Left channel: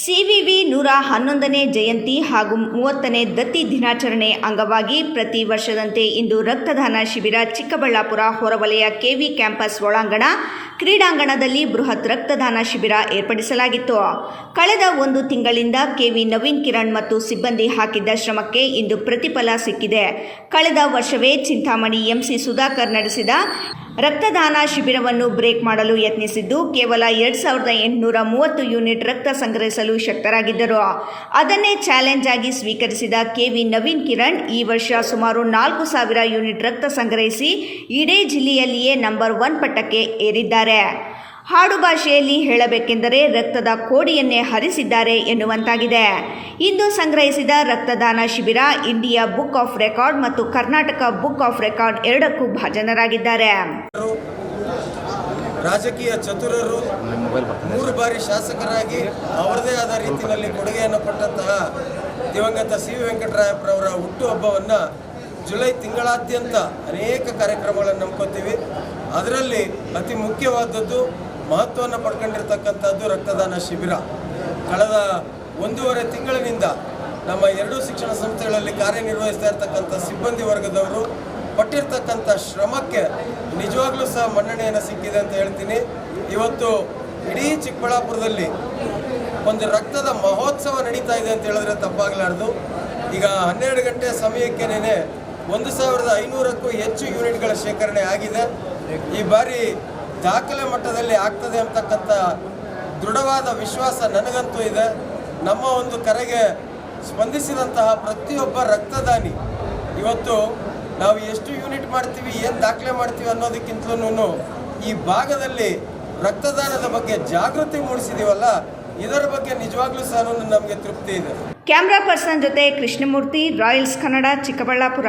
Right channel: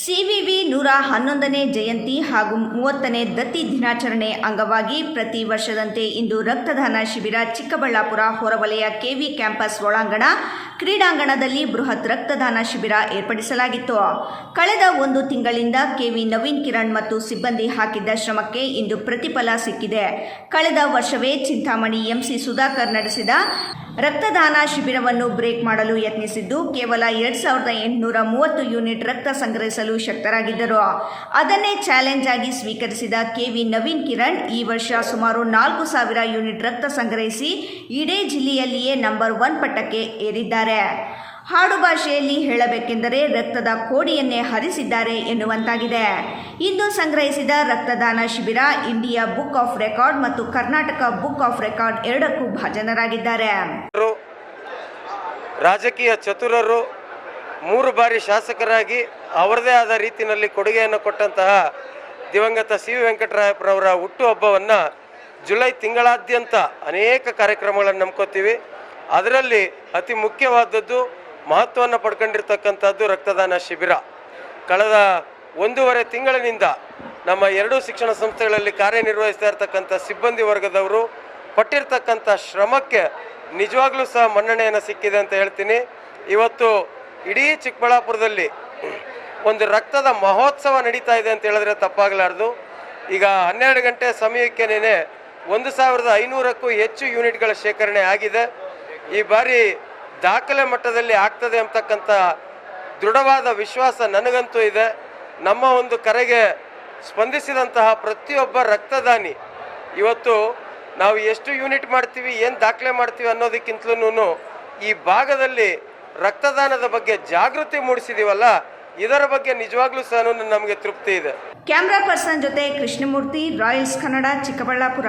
CVV 111ನೇ ಜಯಂತಿ ಹಾಗೂ 30ನೇ ದತ್ತಿ ದಿನಾಚರಣೆ ಅಂಗವಾಗಿ ಪ್ರತಿ ವರ್ಷದಂತೆ ಇಂದು ರಕ್ತದಾನ ಶಿಬಿರ ಚಿಕ್ಕಬಳ್ಳಾಪುರ ಹೊರವಲಯ ಕೆವಿ ಕ್ಯಾಂಪಸ್ ಒಳಾಂಗಣ ಕ್ರೀಡಾಂಗಣದಲ್ಲಿ ಬೃಹತ್ ರಕ್ತದಾನ ಶಿಬಿರ ಏರ್ಪಡಿಸಲಾಗಿತ್ತು. ಕಳೆದ ಒಂದು ತಿಂಗಳಿಂದ ಕೆವಿ ನವೀನ್ ಕಿರಣ್ ಮತ್ತು ಸಿಬ್ಬಂದಿ ಹಾಕಿದ್ದ ಶ್ರಮಕ್ಕೆ ಇಂದು ಪ್ರತಿಫಲ ಸಿಕ್ಕಿದೆ. ಕಳೆದ ವರ್ಷವೇ ಚಿಂತಾಮಣಿ ಎಂಸಿ ಸುಧಾಕರ್ ನಡೆಸಿದ ರಕ್ತದಾನ ಶಿಬಿರವನ್ನು ಬ್ರೇಕ್ ಮಾಡಲು ಯತ್ನಿಸಿದ್ದು ಕೇವಲ 2830 ಯೂನಿಟ್ ರಕ್ತ ಸಂಗ್ರಹಿಸಲು ಶಕ್ತರಾಗಿದ್ದರು. ಅದನ್ನೇ ಚಾಲೆಂಜ್ ಆಗಿ ಸ್ವೀಕರಿಸಿದ ಕೆವಿ ನವೀನ್ ಕಿರಣ್ ಈ ವರ್ಷ ಸುಮಾರು 4000 ಯೂನಿಟ್ ರಕ್ತ ಸಂಗ್ರಹಿಸಿ ಇಡೀ ಜಿಲ್ಲೆಯಲ್ಲಿಯೇ ನಂಬರ್ 1 ಪಟ್ಟಕ್ಕೆ ಏರಿದ್ದಾರೆ. ಹಾಡು ಭಾಷೆಯಲ್ಲಿ ಹೇಳಬೇಕೆಂದರೆ ರಕ್ತದ ಕೋಡಿಯನ್ನೇ ಹರಿಸಿದ್ದಾರೆ ಎನ್ನುವಂತಾಗಿದೆ. ಇಂದು ಸಂಗ್ರಹಿಸಿದ ರಕ್ತದಾನ ಶಿಬಿರ ಇಂಡಿಯಾ ಬುಕ್ ಆಫ್ ರೆಕಾರ್ಡ್ ಮತ್ತು ಕರ್ನಾಟಕ ಬುಕ್ ಆಫ್ ರೆಕಾರ್ಡ್ ಎರಡಕ್ಕೂ ಭಾಜನರಾಗಿದ್ದಾರೆ. ರಾಜಕೀಯ ಚತುರರು 3 ಬಾರಿ ಶಾಸಕರಾಗಿ ಅವರದೇ ಆದ ರೀತಿಯಲ್ಲಿ ಕೊಡುಗೆಯನ್ನು ಕೊಟ್ಟಂತಹ ದಿವಂಗತ ಸಿ ವಿ ವೆಂಕಟರಾಯಪ್ಪರವರ ಹುಟ್ಟುಹಬ್ಬವನ್ನು ಜುಲೈ ತಿಂಗಳಾದ್ಯಂತ ಅನೇಕ ಕಾರ್ಯಕ್ರಮಗಳನ್ನು ನಂಬ್ಕೋತೀವಿ. ಅದರಲ್ಲಿ ಅತಿ ಮುಖ್ಯವಾದದ್ದು ಮಹತ್ವವನ್ನು ಪಡ್ಕೊಂಡಿರ್ತಕ್ಕಂಥದ್ದು ರಕ್ತದಾನ ಶಿಬಿರ. ಕಳೆದ 1.5 ತಿಂಗಳಿನಿಂದ ನಮ್ಮ 2 ಶಿಕ್ಷಣ ಸಂಸ್ಥೆಗಳಲ್ಲಿ ಕಾರ್ಯನಿರ್ವಹಿಸ್ತಾ ಇರ್ತಕ್ಕಂಥ ಸಿಬ್ಬಂದಿ ವರ್ಗದವರು ಪಟ್ಟಿರ್ತಕ್ಕಂಥ ಶ್ರಮಕ್ಕೆ ನಿಜವಾಗ್ಲೂ ಸಹ ಮನ್ನಣೆಯನ್ನು ಸಿಕ್ಕಿದೆ ಅಂತ ಹೇಳ್ತೀನಿ. ಇವತ್ತು ಇಡೀ ಚಿಕ್ಕಬಳ್ಳಾಪುರದಲ್ಲಿ ಒಂದು ರಕ್ತದ ಮಹೋತ್ಸವ ನಡೀತಾ ಇದೆ ಅಂತ ಹೇಳಿದ್ರೆ ತಪ್ಪಾಗಲಾರ್ದು. ಈಗ 12 ಗಂಟೆ ಸಮಯಕ್ಕೆನೇ 1500ಕ್ಕೂ ಹೆಚ್ಚು ಯೂನಿಟ್ಗಳ ಶೇಖರಣೆ ಆಗಿದೆ. ಈ ಬಾರಿ ದಾಖಲೆ ಮಟ್ಟದಲ್ಲಿ ಆಗ್ತದೆ ಅಂತಕ್ಕಂಥ ದೃಢವಾದ ವಿಶ್ವಾಸ ನನಗಂತೂ ಇದೆ. ನಮ್ಮ ಒಂದು ಕರೆಗೆ ಸ್ಪಂದಿಸಿದಂತಹ ಪ್ರತಿಯೊಬ್ಬ ರಕ್ತದಾನಿ ಇವತ್ತು ನಾವು ಎಷ್ಟು ಯೂನಿಟ್ ಮಾಡ್ತೀವಿ, ಏನು ದಾಖಲೆ ಮಾಡ್ತೀವಿ ಅನ್ನೋದಕ್ಕಿಂತಲೂ ಈ ಭಾಗದಲ್ಲಿ ರಕ್ತದಾನದ ಬಗ್ಗೆ ಜಾಗೃತಿ ಮೂಡಿಸಿದೀವಲ್ಲ, ಇದರ ಬಗ್ಗೆ ನಿಜವಾಗ್ಲೂ ಸಹ ನಮಗೆ ತೃಪ್ತಿ ಇದೆ. ಕ್ಯಾಮ್ರಾ ಪರ್ಸನ್ ಜೊತೆ ಕೃಷ್ಣಮೂರ್ತಿ, ರಾಯಲ್ಸ್ ಕನ್ನಡ, ಚಿಕ್ಕಬಳ್ಳಾಪುರ.